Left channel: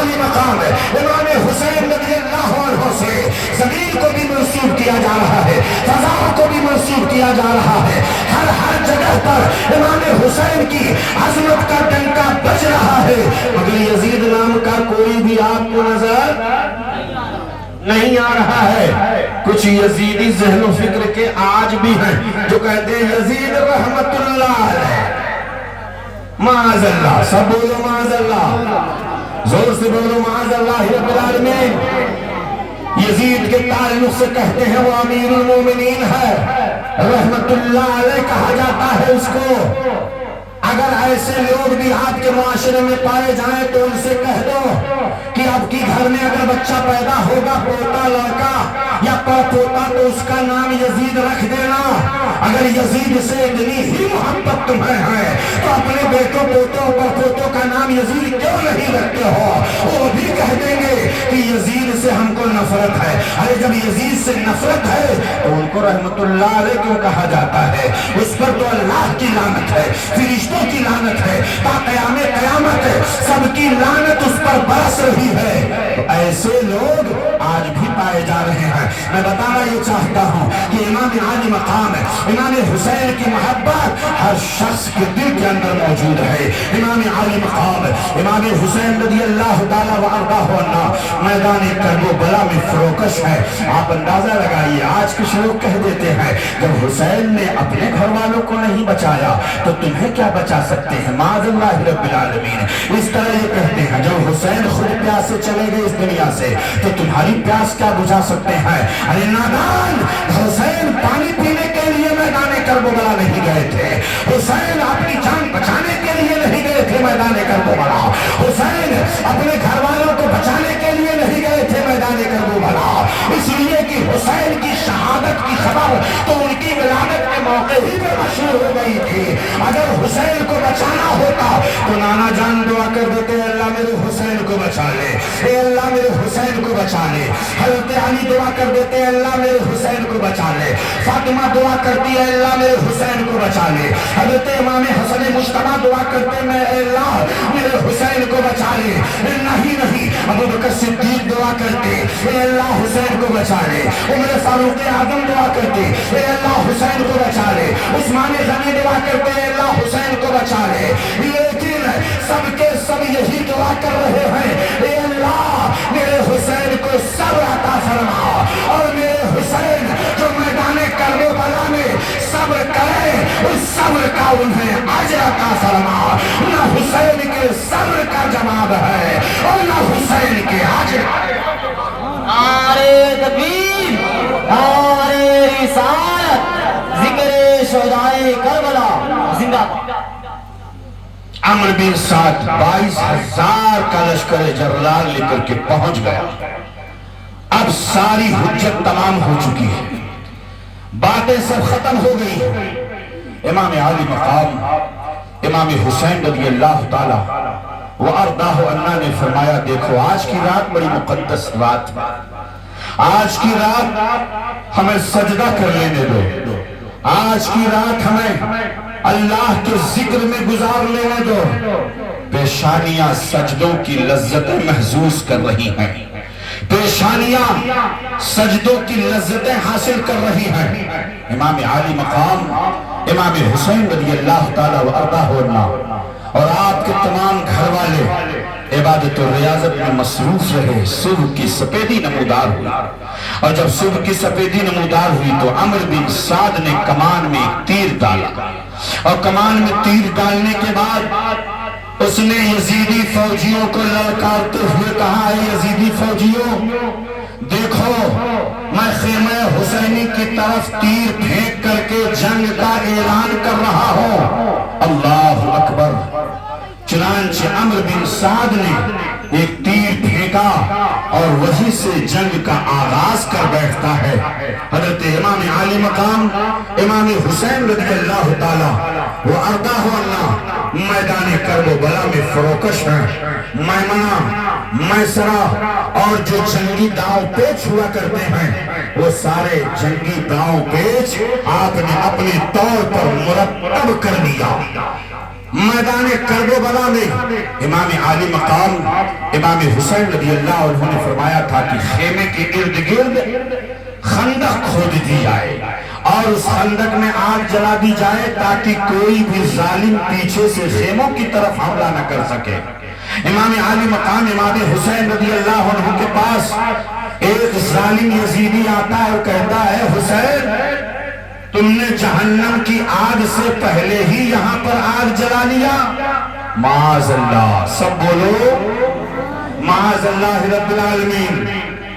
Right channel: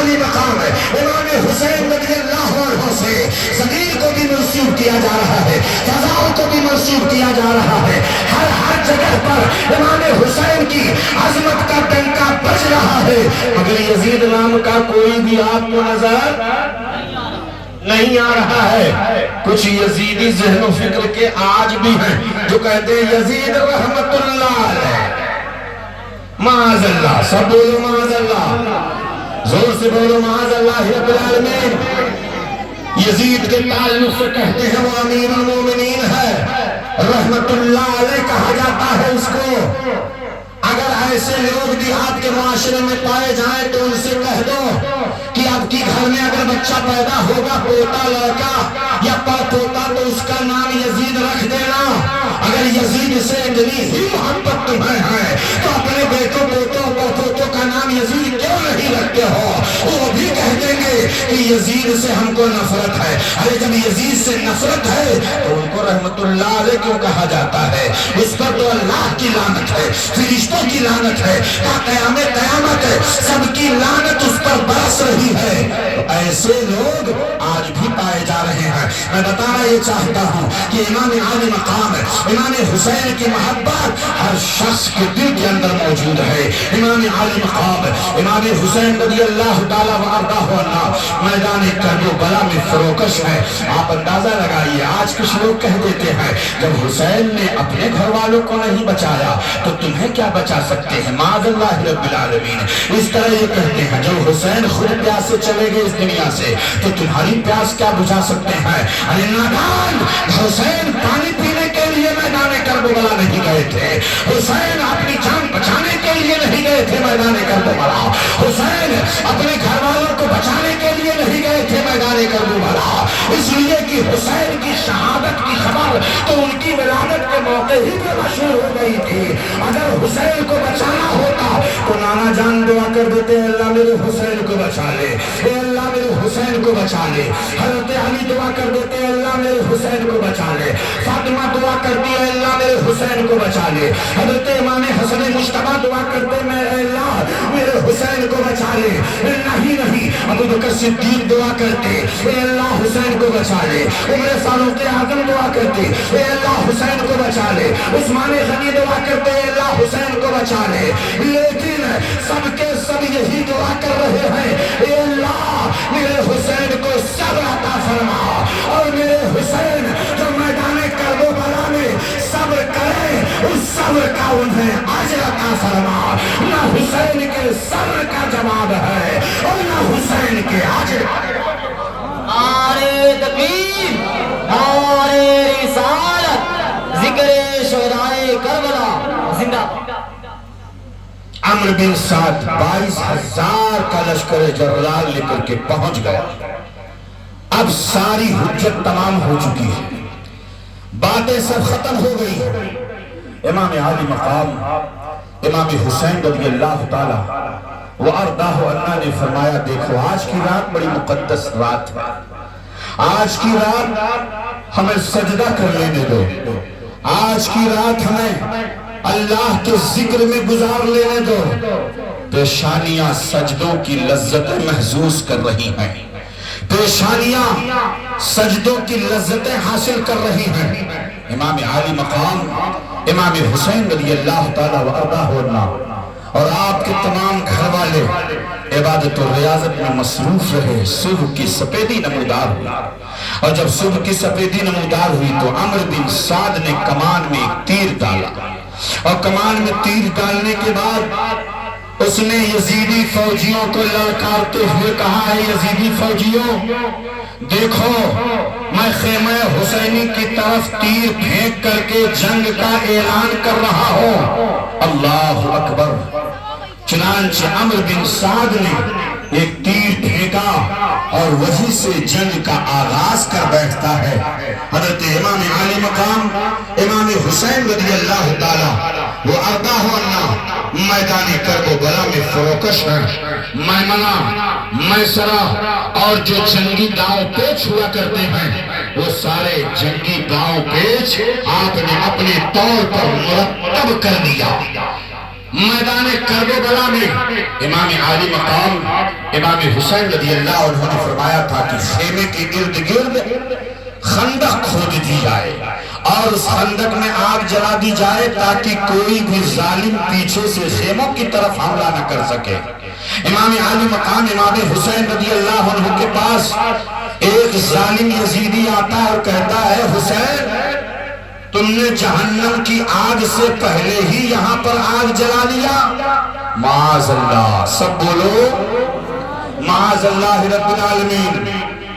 عالی مقام امام حسین رضی اللہ عنہ سے زمین کو بھی منسوب کیا جا رہا ہے، فضاؤں کو بھی منسوب کیا جا رہا ہے، ہر جگہ پر امام حسین کی عظمت کا ڈنکا بج رہا ہے، مگر یزید نام کا کوئی بھی آپ کو نظر نہیں آ رہا ہے۔ کچھ یزیدی ذہن و فکر کے آج بھی ہیں جو کہتے ہیں یزید رحمت اللہ علیہ، معاذ اللہ، سب بولو معاذ اللہ، زور سے بولو معاذ اللہ رب العالمین۔ یزید کے تعلق سے کہتے ہیں وہ امیر المومنین ہے، رحمت اللہ علیہ کہا جاتا ہے اس کو۔ اگر ایسے لوگ بھی آپ کے معاشرے میں پائے جائیں تو ان سے کہہ دو کہ آپ کی گھر میں اگر بچہ پیدا ہوگا، پوتا لڑکا یا پوتا، تو اس کا نام یزید رکھ دینا۔ اگر یزید سے اتنی ہی محبت تمہیں ہے تو اپنے بیٹوں پوتوں کا نام یزید کیوں نہیں رکھتے ہو؟ وہ بھی کہہ دیں گے کہ یزید سے ہم کو نفرت ہے۔ ارے جب یزید سے نفرت ہے تو ان کو رحمت اللہ علیہ کیوں کہا جاتا ہے؟ اس پر تو اللہ کی لعنت ہے، فرشتوں کی لعنت ہے، تا قیامت سب کی لعنت اس پر برس رہی ہے۔ ایسے لوگ آج بھی پائے جا رہے ہیں۔ میں بتانا یہ چاہتا ہوں کہ امام عالی مقام امام حسین کی محبت ہر شخص کے دل کے اندر موجود ہے۔ امام عالی مقام امام حسین رضی اللہ تعالیٰ عنہ میدان کربلا میں فروکش ہے۔ آپ اندازہ لگائیے، آج کچھ لوگ کہہ دیتے ہیں جب حسین نے اپنے گھر والوں کو نہیں بچایا تو تمہیں کیا بچا سکتے ہیں؟ معاذ اللہ رب العالمین۔ اس طرح یہ کہتے ہیں جب حسین خود پیاس سے چلے گئے اس دنیا سے تو تمہاری پیاس کیا بجھا سکتے ہیں؟ ارے نادان، حسین پانی پینے کے لیے میدان کربلا نہیں گئے تھے، حسین اپنی جان بچانے کے لیے نہیں گئے تھے میدان کربلا، حسین اپنے گھر والوں کو بچانے کے لیے نہیں گئے تھے میدان کربلا، اس لیے کہ حسین کی شہادت کی خبر تو ان کی ولادت کے موقع ہی پر مشہور ہو گئی تھی۔ اگر حسین کو بچانا ہوتا تو نانا جان دعا کر دیتے ہیں اللہ میرے حسین کو بچا لے، اے اللہ میرے حسین کو بچا لے۔ حضرت علی دعا کر دیتے ہیں اللہ میرے حسین کو بچا لے، فاطمہ دعا کرتی ہے اللہ میرے حسین کو بچا لے، حضرت امام حسن مجتبیٰ دعا کرتے ہیں اے اللہ میرے حسین کو بچا لے۔ نہیں ابو بکر صدیق دعا کرتے اے اللہ حسین کو بچا لے، عمر فاروق اعظم دعا کرتے اے اللہ حسین کو بچا لے، عثمان غنی دعا کرتے اے اللہ حسین کو بچا لے۔ لیکن سب کے سب یہی دعا کر رہے ہیں اے اللہ میرے حسین کو صبر عطا فرما، اور میرے حسین جو میدان کربلا میں صبر کرے اس صبر کا انہیں اجر عطا فرما۔ نہ حسین کے صبر کا جواب ہے اور نہ حسین کے اجر کا۔ نعرہ تکبیر، نعرہ رسالت، ذکر شہدائے کربلا زندہ۔ عمرو بن سعد 22,000 کا لشکر جرلال لے کر کے پہنچ گیا۔ اب ساری حجت تمام ہو چکی ہے، باتیں سب ختم ہو گئی۔ امام عالی مقام امام حسین رضی اللہ تعالی وارضاہ عنہ نے فرمایا دیکھو آج کی رات بڑی مقدس رات ہے، آج کی رات ہمیں سجدہ کر لینے دو، آج کی رات ہمیں اللہ کے ذکر میں گزار لینے دو۔ پیشانیاں سجدوں کی لذتیں محسوس کر رہی ہیں، پیشانیاں سجدوں کی لذتیں حاصل کر رہی ہیں۔ امام عالی مقام امام حسین رضی اللہ تعالیٰ وارضاہ عنہ اور آپ کے تمام گھر والے عبادت و ریاضت میں مصروف رہے۔ صبح کی سپیدی نمودار ہوئی، اور جب صبح کی سپیدی نمودار ہوئی تو عمرو بن سعد نے کمان میں ایک تیر ڈالا، اور کمان میں تیر ڈالنے کے بعد اس نے یزیدی فوجیوں کو للکارتے ہوئے کہا ہے یزیدی فوجیوں دیکھو میں خیمہ حسینی کی طرف تیر پھینک کر کے جنگ کا اعلان کر رہا ہوں۔ اللہ اکبر۔ چنانچہ عمرو بن سعد نے ایک تیر پھینکا اور وہیں سے جنگ کا آغاز کر بیٹھتا ہے۔ حضرت امام عالی مقام امام حسین رضی اللہ تعالی وارضاہ عنہ میدان کربلا میں فروکش ہیں۔ میمنہ، میسرہ اور جو جنگی داؤ پیچ ہوا کرتے ہیں وہ سارے جنگی داؤ پیچ آپ نے اپنے طور پر مرتب کر دیا۔ میدان کربلا میں امام عالی مقام امام حسین رضی اللہ عنہ نے فرمایا تھا کہ خیمے کے ارد گرد خندق کھود دی جائے اور اس خندق میں آگ جلا دی جائے تاکہ کوئی بھی ظالم پیچھے سے خیموں کی طرف حملہ نہ کر سکے۔ امام عالی مقام امام حسین رضی اللہ عنہ کے پاس ایک ظالم یزیدی آتا ہے اور کہتا ہے حسین تم نے جہنم کی آگ سے پہلے ہی یہاں پر آگ جلا لیا۔ معاذ اللہ، سب بولو معاذ اللہ رب العالمین۔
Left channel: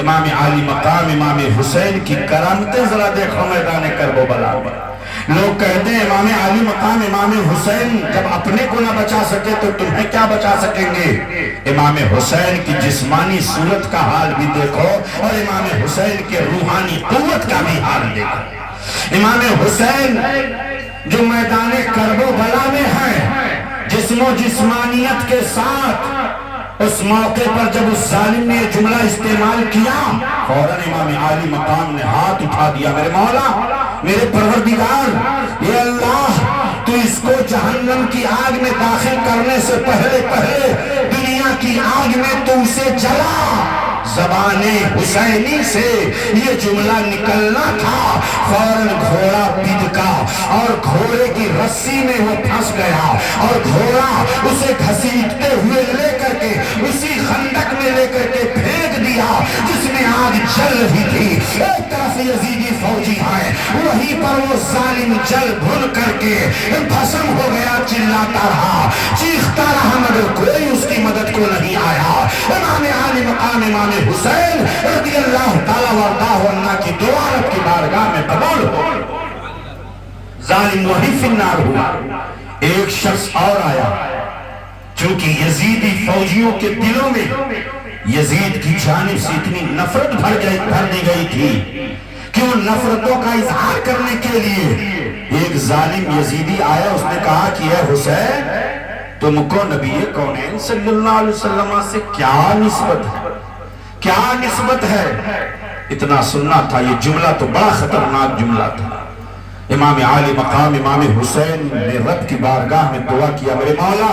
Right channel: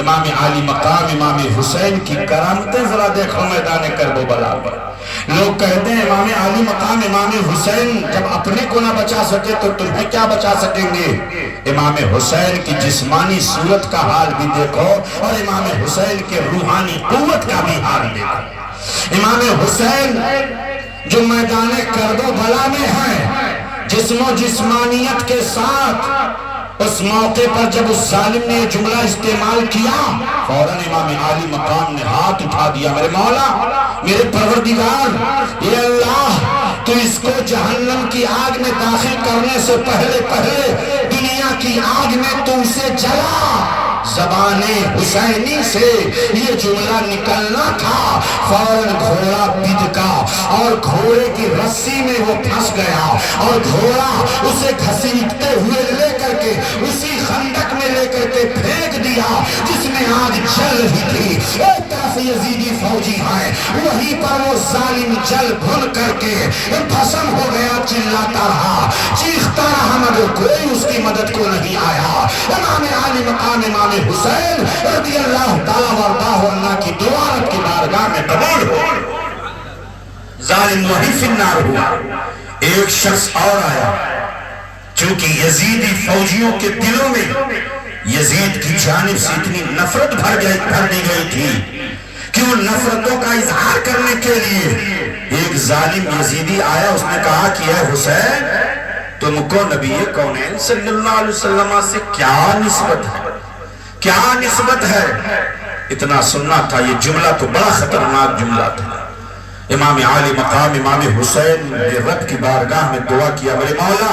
امام عالی مقام امام حسین کی کرامتیں ذرا دیکھو میدان کربلا میں۔ لوگ کہتے ہیں امام عالی مقام امام حسین جب اپنے کو نہ بچا سکے تو تمہیں کیا بچا سکیں گے؟ امام حسین کی جسمانی صورت کا حال بھی دیکھو اور امام حسین کے روحانی قوت کا بھی حال دیکھو۔ امام حسین جو میدان کربلا میں ہے، جسم و جسمانیت کے ساتھ، اس موقع پر جب اس ظالم نے یہ جملہ استعمال کیا، فوراً امام عالی مقام نے ہاتھ اٹھا دیا، میرے مولا، میرے پروردگار، یہ اللہ تو اس کو جہنم کی آگ میں داخل کرنے سے پہلے دنیا کی آگ میں تو اسے جلا۔ زبان حسینی سے یہ جملہ نکلنا تھا، فوراً گھوڑا بھدکا اور گھوڑے کی رسی میں وہ پھنس گیا اور گھوڑا اسے گھسیٹتے ہوئے لے کر کے اسی خندق میں لے کر کے پھینک دیا جس میں آگ جل رہی تھی۔ ایک طرف یزیدی فوجی ہے، وہیں پر وہ ظالم جل بھن کر کے بھسم ہو گیا، چلاتا رہا، چیختا رہا، مگر کوئی اس کی مدد کو نہیں آیا۔ امام عالی مقام امام حسین رضی اللہ تعالیٰ وارضاہ عنہ کی دعات کی بارگاہ میں قبول ہو، ظالم وہی فی النار ہوا۔ ایک شخص اور آیا، چونکہ یزیدی فوجیوں کے دلوں میں یزید کی جانب سے اتنی نفرت بھر دی گئی تھی کہ وہ نفرتوں کا اظہار کرنے کے لیے ایک ظالم یزیدی آیا، اس نے کہا کہ اے حسین تم کو نبی کونین صلی اللہ علیہ وسلم سے کیا نسبت ہے، کیا نسبت ہے؟ اتنا سننا تھا، یہ جملہ تو بڑا خطرناک جملہ تھا۔ امام عالی مقام امام حسین نے رب کی بارگاہ میں دعا کیا، میرے مولا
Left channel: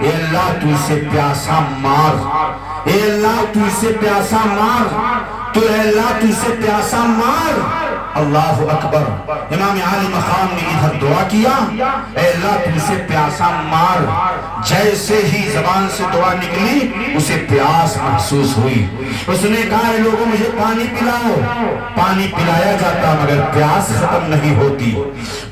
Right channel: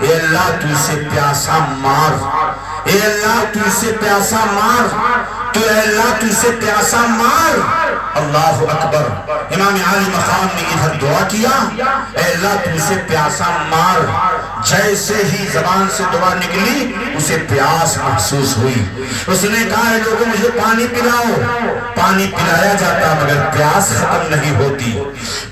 اے اللہ تو اسے پیاسا مار، اے اللہ تو اسے پیاسا مار، تو اے اللہ تو اسے پیاسا مار۔ اللہ اکبر، امام عالی مقام نے ادھر دعا کیا، اے اللہ تو اسے پیاسا مار۔ جیسے ہی زبان سے دعا نکلی اسے پیاس محسوس ہوئی، اس نے کہا اے لوگوں مجھے پانی پلاؤ۔ پانی پلایا جاتا مگر پیاس ختم نہیں ہوتی،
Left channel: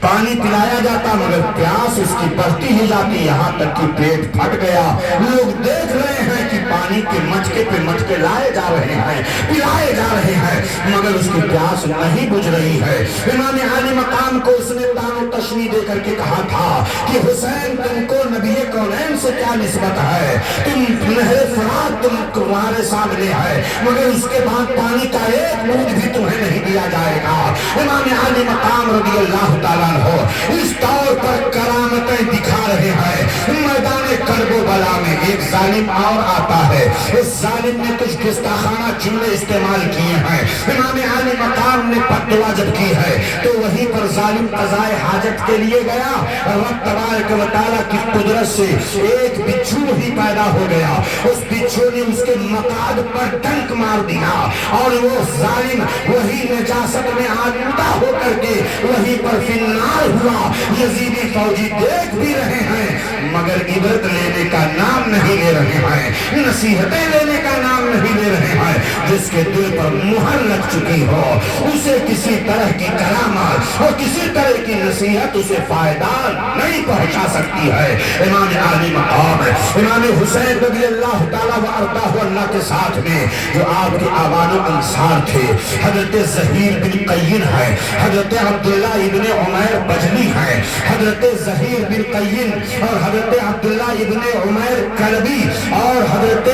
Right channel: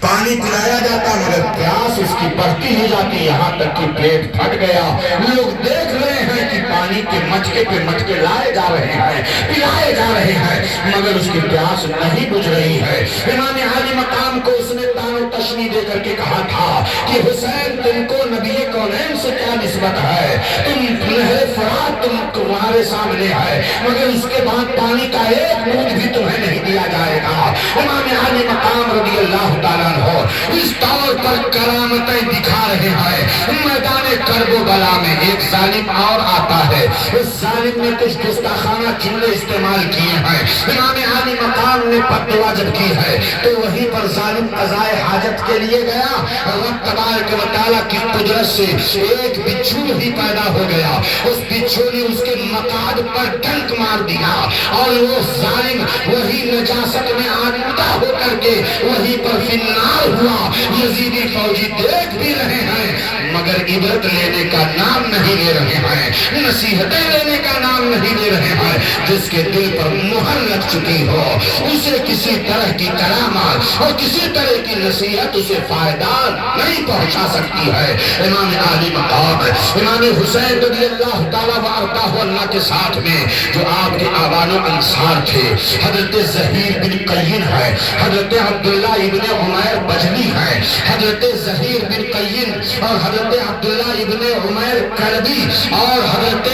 پانی پلایا جاتا مگر پیاس اس کی بڑھتی ہی جاتی، یہاں تک کہ پیٹ پھٹ گیا۔ لوگ دیکھ رہے ہیں کہ پانی کے مٹکے پہ مٹکے لائے جا رہے ہیں، پلائے جا رہے ہیں، مگر اس کی پیاس نہیں بجھ رہی ہے۔ امام عالی مقام کو اس نے تان و تشنی دے کر کے کہا تھا کہ حسین تم کو نبی کونین سے کیا نسبت ہے؟ تم نہر فرات تمہارے سامنے ہے، مگر اس کے بعد پانی کا ایک بوند بھی تمہیں نہیں دیا جائے گا۔ امام عالی مقام رضی اللہ تعالیٰ عنہ اس طور پر کرامتیں دکھا رہے ہیں۔ میدان کربلا میں ایک ظالم اور آتا ہے، اس ظالم نے کچھ گستاخانہ جملے استعمال کیے ہیں، امام عالی مقام نے بددعا جب کی ہے تو وہیں پر ظالم قضائے حاجت کے لیے گیا، رب تبارک و تعالیٰ کی قدرت سے ایک بچھو بھی پیدا ہو گیا، اس بچھو نے اس کے مقاد پر ڈنک مار دیا اور وہ ظالم وہی نجاست میں آلودہ ہو کر کے وہیں پر فی النار ہوا۔ یزیدی فوجی دیکھ بھی رہے ہیں مگر عبرت لینے کا نام نہیں لے رہے ہیں، نصیحتیں لینے کا نام نہیں لے رہے ہیں۔ جس کے دل پر مہر لگ چکی ہو اسے کسی طرح کی کرامت اور کسی طرح کی نصیحت اسے فائدہ نہیں پہنچا سکتی ہے۔ امام عالی مقام امام حسین رضی اللہ تعالیٰ وارضاہ عنہ کے ساتھ میں جو آپ کے آبان و انصار تھے، حضرت زہیر بن قین ہے، حضرت عبداللہ ابن عمیر بجلی ہے، حضرت زہیر بن قین اور حضرت عبداللہ ابن عمیر کلبی اور حضرت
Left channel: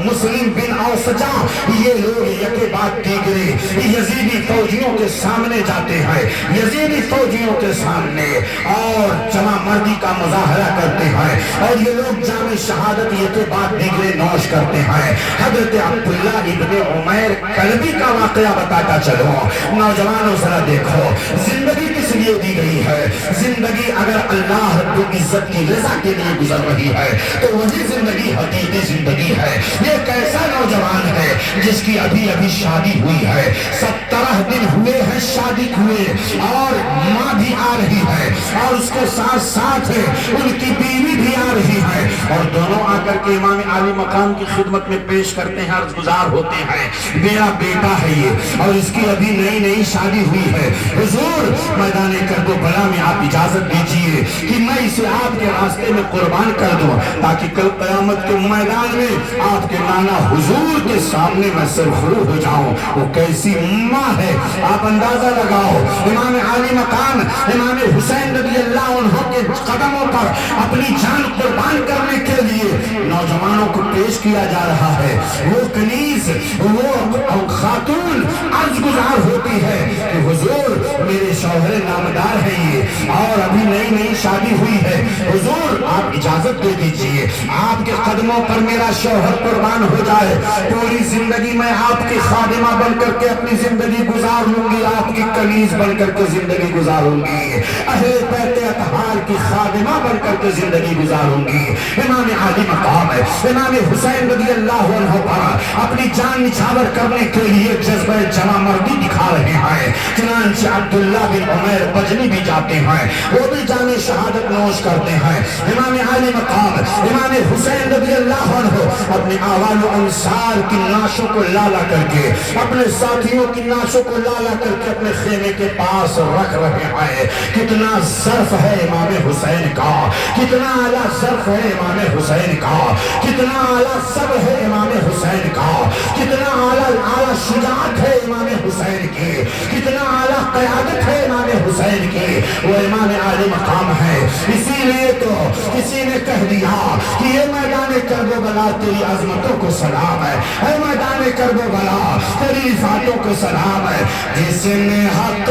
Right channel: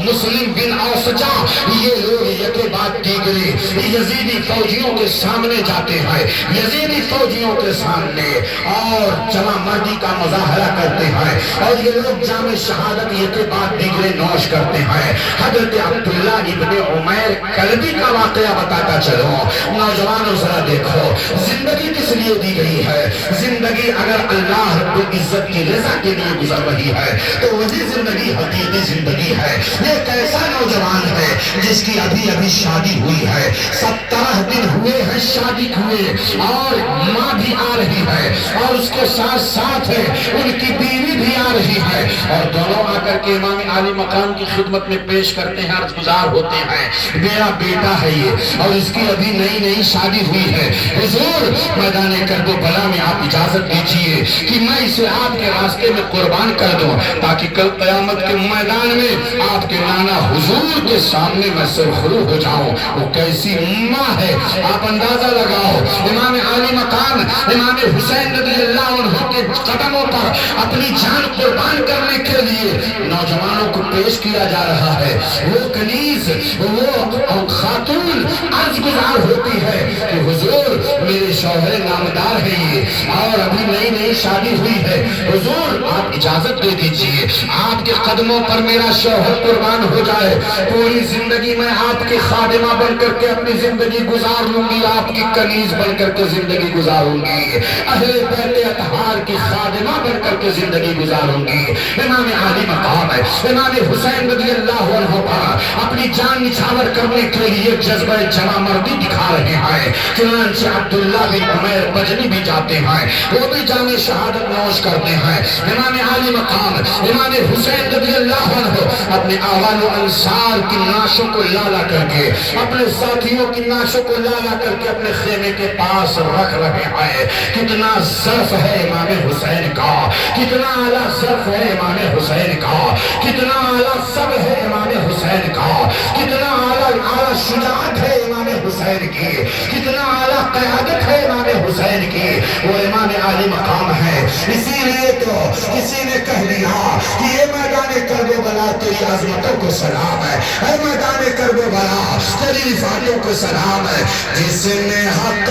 مسلم بن اوسجا، یہ لوگ یکے بعد دیگرے یزیدی فوجیوں کے سامنے جاتے ہیں، یزیدی فوجیوں کے سامنے اور جمع مردی کا مظاہرہ کرتے ہیں، اور یہ لوگ جام شہادت یہ کے بعد دیگرے نوش کرتے ہیں۔ حضرت عبداللہ ابن عمیر کلبی کا واقعہ بتاتا چلو۔ نوجوانوں ذرا دیکھو، زندگی کس لیے دی گئی ہے؟ زندگی اگر اللہ رب العزت کی رضا کے لیے گزر رہی ہے تو وہی زندگی حقیقی زندگی ہے۔ یہ کیسا نوجوان ہے جس کی ابھی ابھی شادی ہوئی ہے، 17 دن ہوئے ہیں شادی ہوئے، اور ماں بھی آ رہی ہے، اور اس کے ساتھ ساتھ ان کی بیوی بھی آ رہی ہے، اور دونوں آ کر کے امام عالی مقام کی خدمت میں پیش کرتے ہیں، عرض گزار ہوتے ہیں، میرا بیٹا ہے یہ، اور اس کی ابھی نئی نئی شادی ہوئی ہے، حضور میدان کربلا میں آپ اجازت دیجئے کہ میں اسے آپ کے راستے میں قربان کر دوں، تاکہ کل قیامت کے میدان میں آپ کے معنی حضور کے سامنے میں سرخرو ہو جاؤں۔ وہ کیسی ماں ہے آپ اندازہ لگاؤ۔ امام عالی مقام امام حسین رضی اللہ عنہ کے قدموں پر اپنی جان قربان کرنے کے لیے نوجوانوں کو پیش کیا جا رہا ہے۔ وہ کنیز، وہ خاتون عرض گزار ہوتی ہے کہ حضور میرے شوہر نامدار ہے یہ، اور ابھی نئی نئی شادی ہوئی ہے، حضور آپ اجازت دے دیجئے آپ کے قدموں پر میرا شوہر قربان ہو جائے، پوری زندگی میں آپ کی خادمہ بن کر کے اپنی زندگی گزار لوں گی، آپ کی کنیز بن کر کے زندگی گزاروں گی، اہل بیت اطہار کی خادمہ بن کر کے زندگی گزاروں گی۔ امام عالی مقام ہے، امام حسین رضی اللہ عنہ پر اپنی جان نچھاور کرنے کے لیے جذبہ جمع مردی دکھا رہے ہیں۔ چنانچہ عبداللہ بن عمیر بجلی بھی جاتے ہیں، وہ بھی جان شہادت نوش کرتے ہیں۔ امام عالی مقام امام حسین رضی اللہ عنہ اپنے آوال و انصار کی نعشوں کو لالا کر کے، اپنے ساتھیوں کی نعشوں کو لالا کر کے اپنے خیمے کے پاس رکھ رہے ہیں۔ کتنا ظرف ہے امام حسین کا، کتنا اعلیٰ ظرف ہے امام حسین کا، کتنا اعلیٰ سب ہے امام حسین کا، کتنا اعلیٰ شجاعت ہے امام حسین کی، کتنا اعلیٰ قیادت ہے امام حسین کی۔ وہ امام عالی مقام ہے، اسی لیے تو کسی نے کہہ دیا کہ یہ میدان کربلا تیری عظمتوں کو سلام ہے، اے میدان کربلا تیری رفعتوں کو سلام ہے، جس نے حق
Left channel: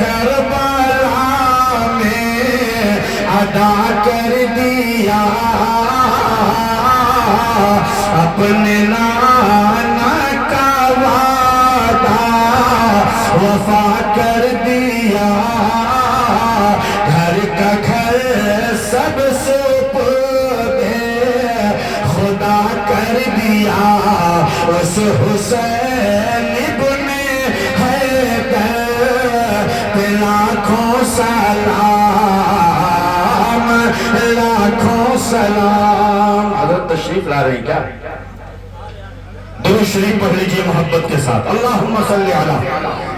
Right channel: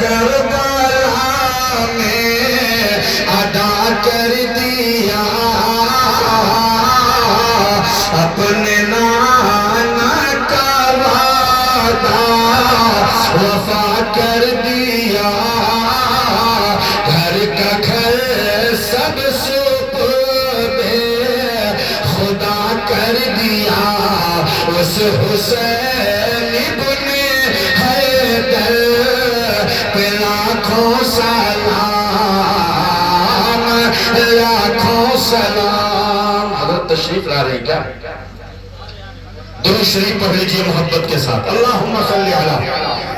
کربلا میں ادا کر دیا اپنے نانا کا وعدہ وفا کر دیا، گھر کا گھر سب سپرد خدا کر دیا، اس حسین ابن حیدر پہ لاکھوں سلام، لاکھوں سلام۔ حضرت تشریف لا رہے ہیں کیا؟ درود شریف پڑھ لیجئے محبت کے ساتھ۔ اللہم صلی علی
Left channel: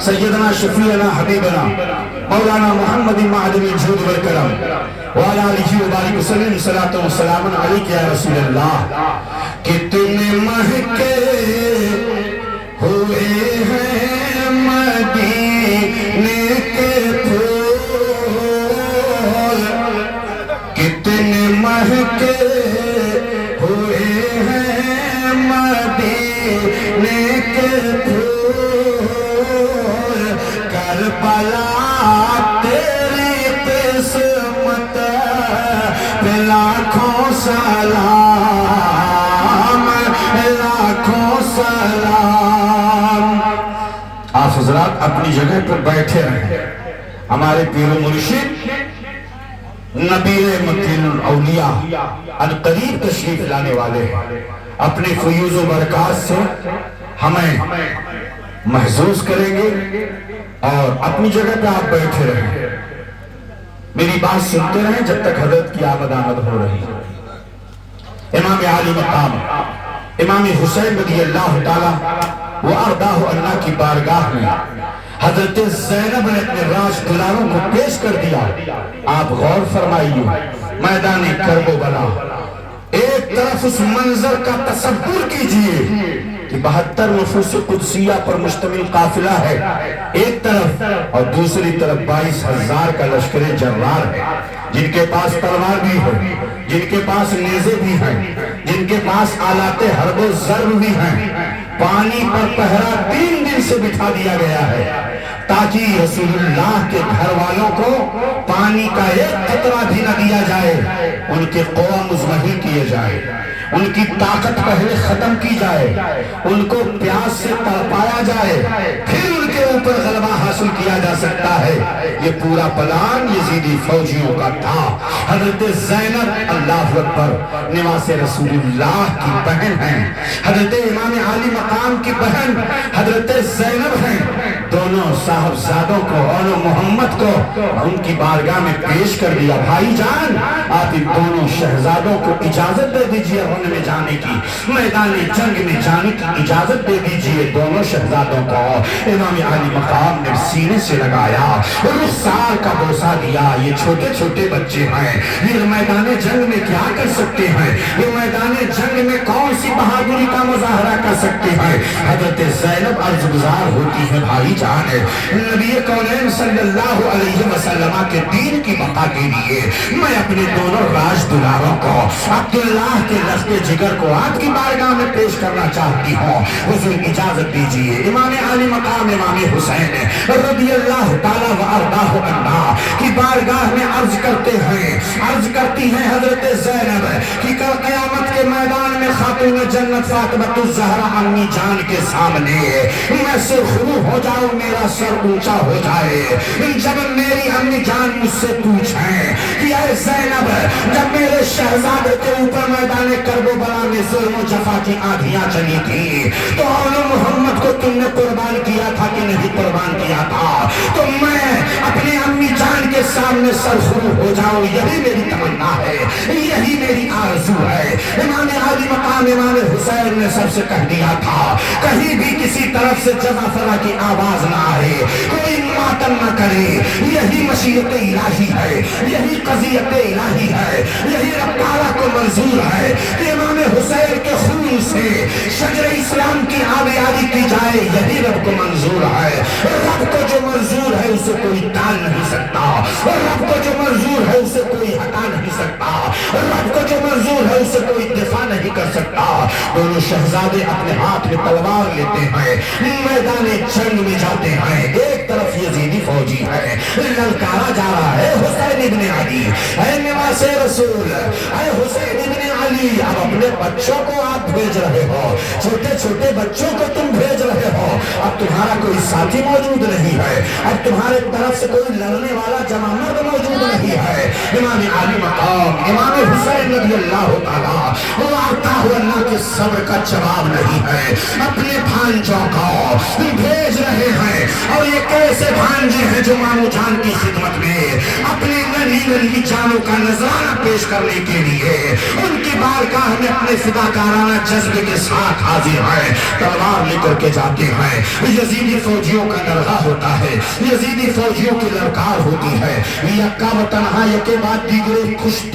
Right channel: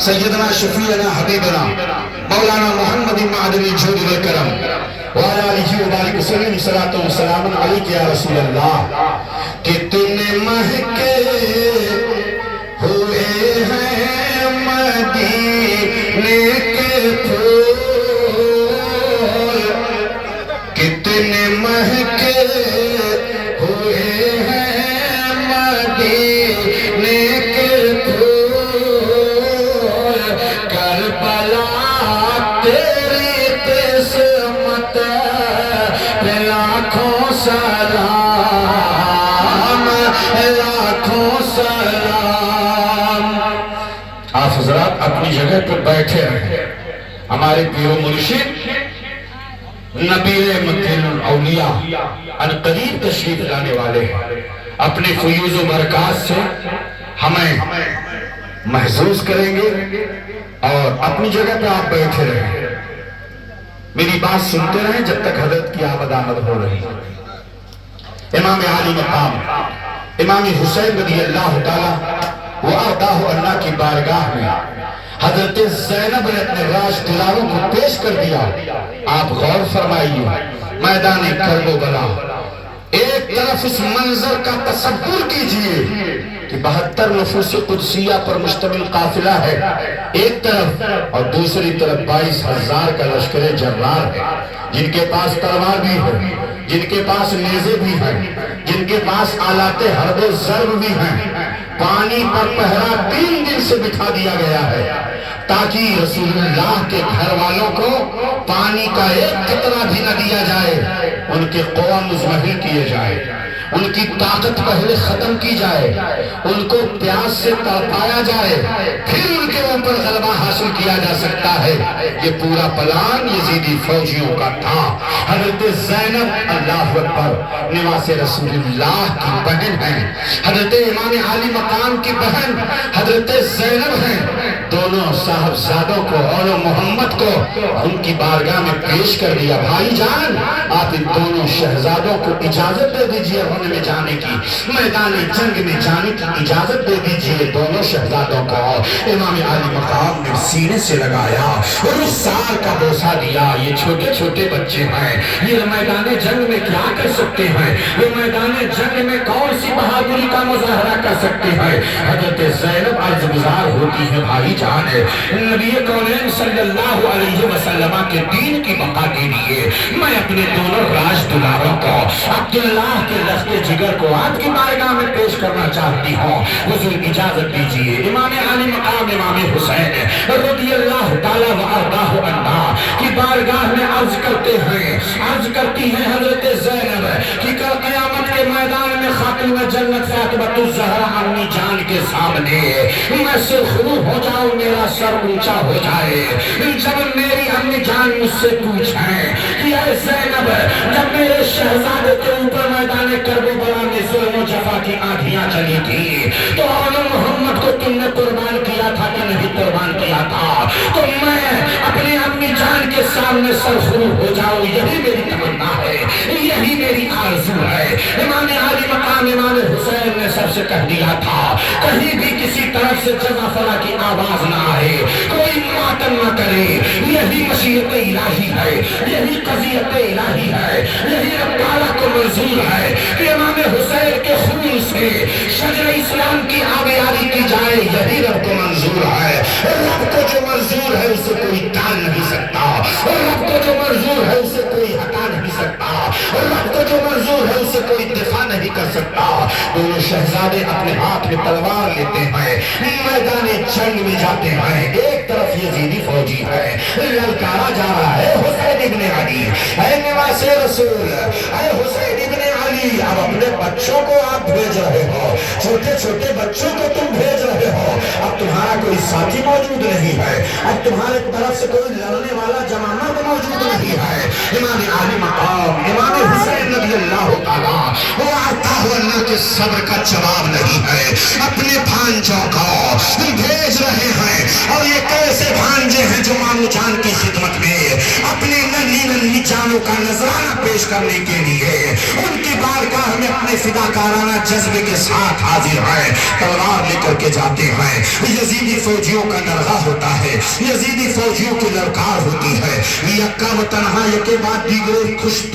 سیدنا شفیعنا حبیبنا مولانا محمد معدن الجود والکرم وعلی آلہ وبارک وسلم صلاۃ و سلام علیک یا رسول اللہ۔ کتنے مہکے ہوئے ہیں مدینے کے پھول، کتنے مہکے ہوئے ہیں مدینے کے پھول، کربلا تیری قسمت پہ لاکھوں سلام، لاکھوں سلام۔ آپ حضرات اپنی جگہ پر بیٹھے رہیں۔ ہمارے پیر و مرشد نبیر مکین الاولیاء ان قریب تشریف لانے والے ہیں، اپنے فیوز و برکات سے ہمیں محظوظ کریں گے، اور اپنی جگہ پہ آپ بیٹھے رہیں، میری بات سنتے رہیں جب تک حضرت کی آمد ہو رہی ہے۔ امام عالی مقام امام حسین رضی اللہ تعالیٰ وَأَرْضَاهُ اللہ کی بارگاہ میں حضرت زینب نے اپنے راج دلالوں کو پیش کر دیا۔ آپ غور فرمائیے، میدان کربلا، ایک طرف اس منظر کا تصور کیجئے کہ 72 نفوس قدسیہ پر مشتمل قافلہ ہے ایک طرف، اور دوسری طرف 22,000 کا لشکر جرار ہے، جن کے پاس تلوار بھی ہے، جن کے پاس نیزے بھی ہیں، جن کے پاس آلات حرب و ضرب بھی ہیں، پانی پر پہرا 3 دن سے بٹھا دیا گیا ہے تاکہ رسول اللہ کے گھر والوں کو پانی کا ایک قطرہ بھی نہ دیا جائے، ان کے قوہ مزمحل کیے جائے، ان کی طاقت پہلے ختم کی جائے، ان کو پیاس سے تڑپایا جائے، پھر ان کے اوپر غلبہ حاصل کیا جا سکتا ہے۔ یہ پورا پلان یزیدی فوجیوں کا تھا۔ حضرت زینب اللہ اکبر نواز رسول اللہ کی بہن ہیں، حضرت امام عالی مقام کی بہن حضرت زینب ہیں۔ دونوں صاحبزادوں کو اور محمد کو ان کی بارگاہ میں پیش کر دیا، بھائی جان آپ ان دونوں شہزادوں کو اجازت دے دیجئے رن میں جانے کی، میدان جنگ میں جانے کی اجازت دے دیجئے دونوں شہزادوں کو۔ امام عالی مقام نے سینے سے لگایا اور اس سال کا بوسہ دیا، یہ چھوٹے چھوٹے بچے ہیں، یہ میدان جنگ میں کیا کر سکتے ہیں، یہ میدان جنگ میں کون سی بہادری کا مظاہرہ کر سکتے ہیں۔ حضرت زینب عرض گزار ہوتی ہے، بھائی جان نبی کونین صلی اللہ علیہ وسلم کے دین کی بقا کے لیے میں اپنے دونوں راج دلاروں کو عبداللہ کے لشت جگر کو آپ کی بارگاہ میں پیش کرنا چاہتی ہوں، حضور اجازت دیجیے۔ امام عالی مقام امام حسین رضی اللہ تعالیٰ وارضاہ عنہ کی بارگاہ میں عرض کرتے ہیں، عرض کرتی ہیں حضرت زینب کہ کل قیامت کے میدان میں خاتون جنت فاطمہ الزہرا امی جان کے سامنے میں سرخرو ہو جاؤں، میرا سر اونچا ہو جائے، جب میری امی جان مجھ سے پوچھیں کہ اے زینب جب میرے شہزادے کے اوپر میدان کربلا میں ظلم و جفا کی آندھیاں چلی تھی تو آل محمد کو تم نے قربان کیا تھا کہ نہیں قربان کیا تھا، تو میں اپنے امی جان کے سامنے سرخرو ہو جاؤں، یہی میری تمنا ہے، یہی میری آرزو ہے۔ امام عالی مقام امام حسین نے سب سے کہہ دیا تھا کہیں بھی کسی طرف سے جزا فلا کی آواز نہ آئے، کوئی ماتم نہ کرے، یہی مشیت الہی ہے، یہی قضیت الہی ہے، یہی رب تعالیٰ کو منظور ہے کہ امام حسین کے خون سے شجر اسلام کی آبیاری کی جائے، یہی رب کو منظور ہے۔ رب کو جو منظور ہے اسے کوئی ٹال نہیں سکتا، رب کو جو منظور ہے اسے کوئی ہٹا نہیں سکتا، رب کو جو منظور ہے اسے کوئی دفاع نہیں کر سکتا۔ دونوں شہزادے اپنے ہاتھ میں تلوار لیتے ہیں، میدان جنگ میں جاتے ہیں، ایک طرف یزیدی فوجی ہے، للکارا جا رہا ہے حسین ابن علی، اے نواز رسول، اے حسین ابن علی، اب اپنے بچوں کو آپ بھیج رہے ہو، چھوٹے چھوٹے بچوں کو تم بھیج رہے ہو، اب تمہارا کوئی ساتھی موجود نہیں ہے، اب تمہارے طرف سے کوئی لڑنے والا جماعت موجود نہیں ہے۔ امام عالی مقام امام حسین رضی اللہ تعالیٰ وہ آتا ہوا اللہ کے صبر کا جواب نہیں ہے، اپنے بھانجوں کو بھیج رہے ہیں، اور یہ کیسے بھانجے ہیں جو مامو جان کی خدمت میں اپنے ننھی ننھی جانوں کا نذرانہ پیش کرنے کے لیے ان کی بارگاہ میں اپنے فداکارانہ جذبے کے ساتھ حاضر ہیں، تلوار لے کر کے جاتے ہیں۔ یزیدی فوجیوں کا نرغہ ہوتا ہے، یزیدی فوجیوں کی للکار ہوتی ہے، یکا و تنہا یکے بعد دیگرے کچھ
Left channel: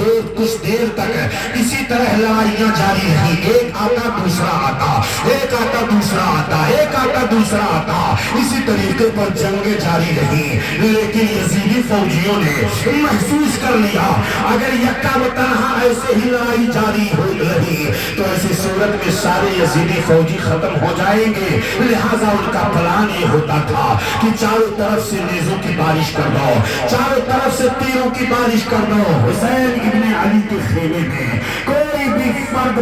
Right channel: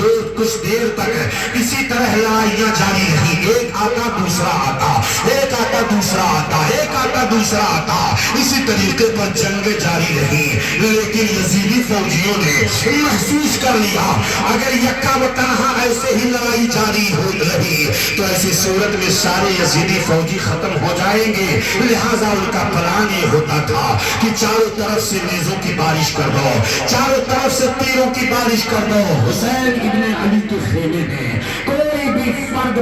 دیر تک اسی طرح لڑائیاں جاری رہی، ایک آتا دوسرا آتا، ایک آتا دوسرا آتا، ایک آتا دوسرا آتا، اسی طریقے پر جنگیں جاری رہی۔ لیکن یزیدی فوجیوں نے محسوس کر لیا اگر یکا و تنہا ایسے ہی لڑائی جاری ہو رہی تو ایسی صورت میں سارے یزیدی فوجی ختم ہو جائیں گے، لہٰذا ان کا پلان یہ ہوتا تھا کہ چاروں طرف سے نیزوں کی بارش کر دو، چاروں طرف سے تیروں کی بارش کر دو۔ حسین ابن علی کے خیمے میں کوئی بھی فرد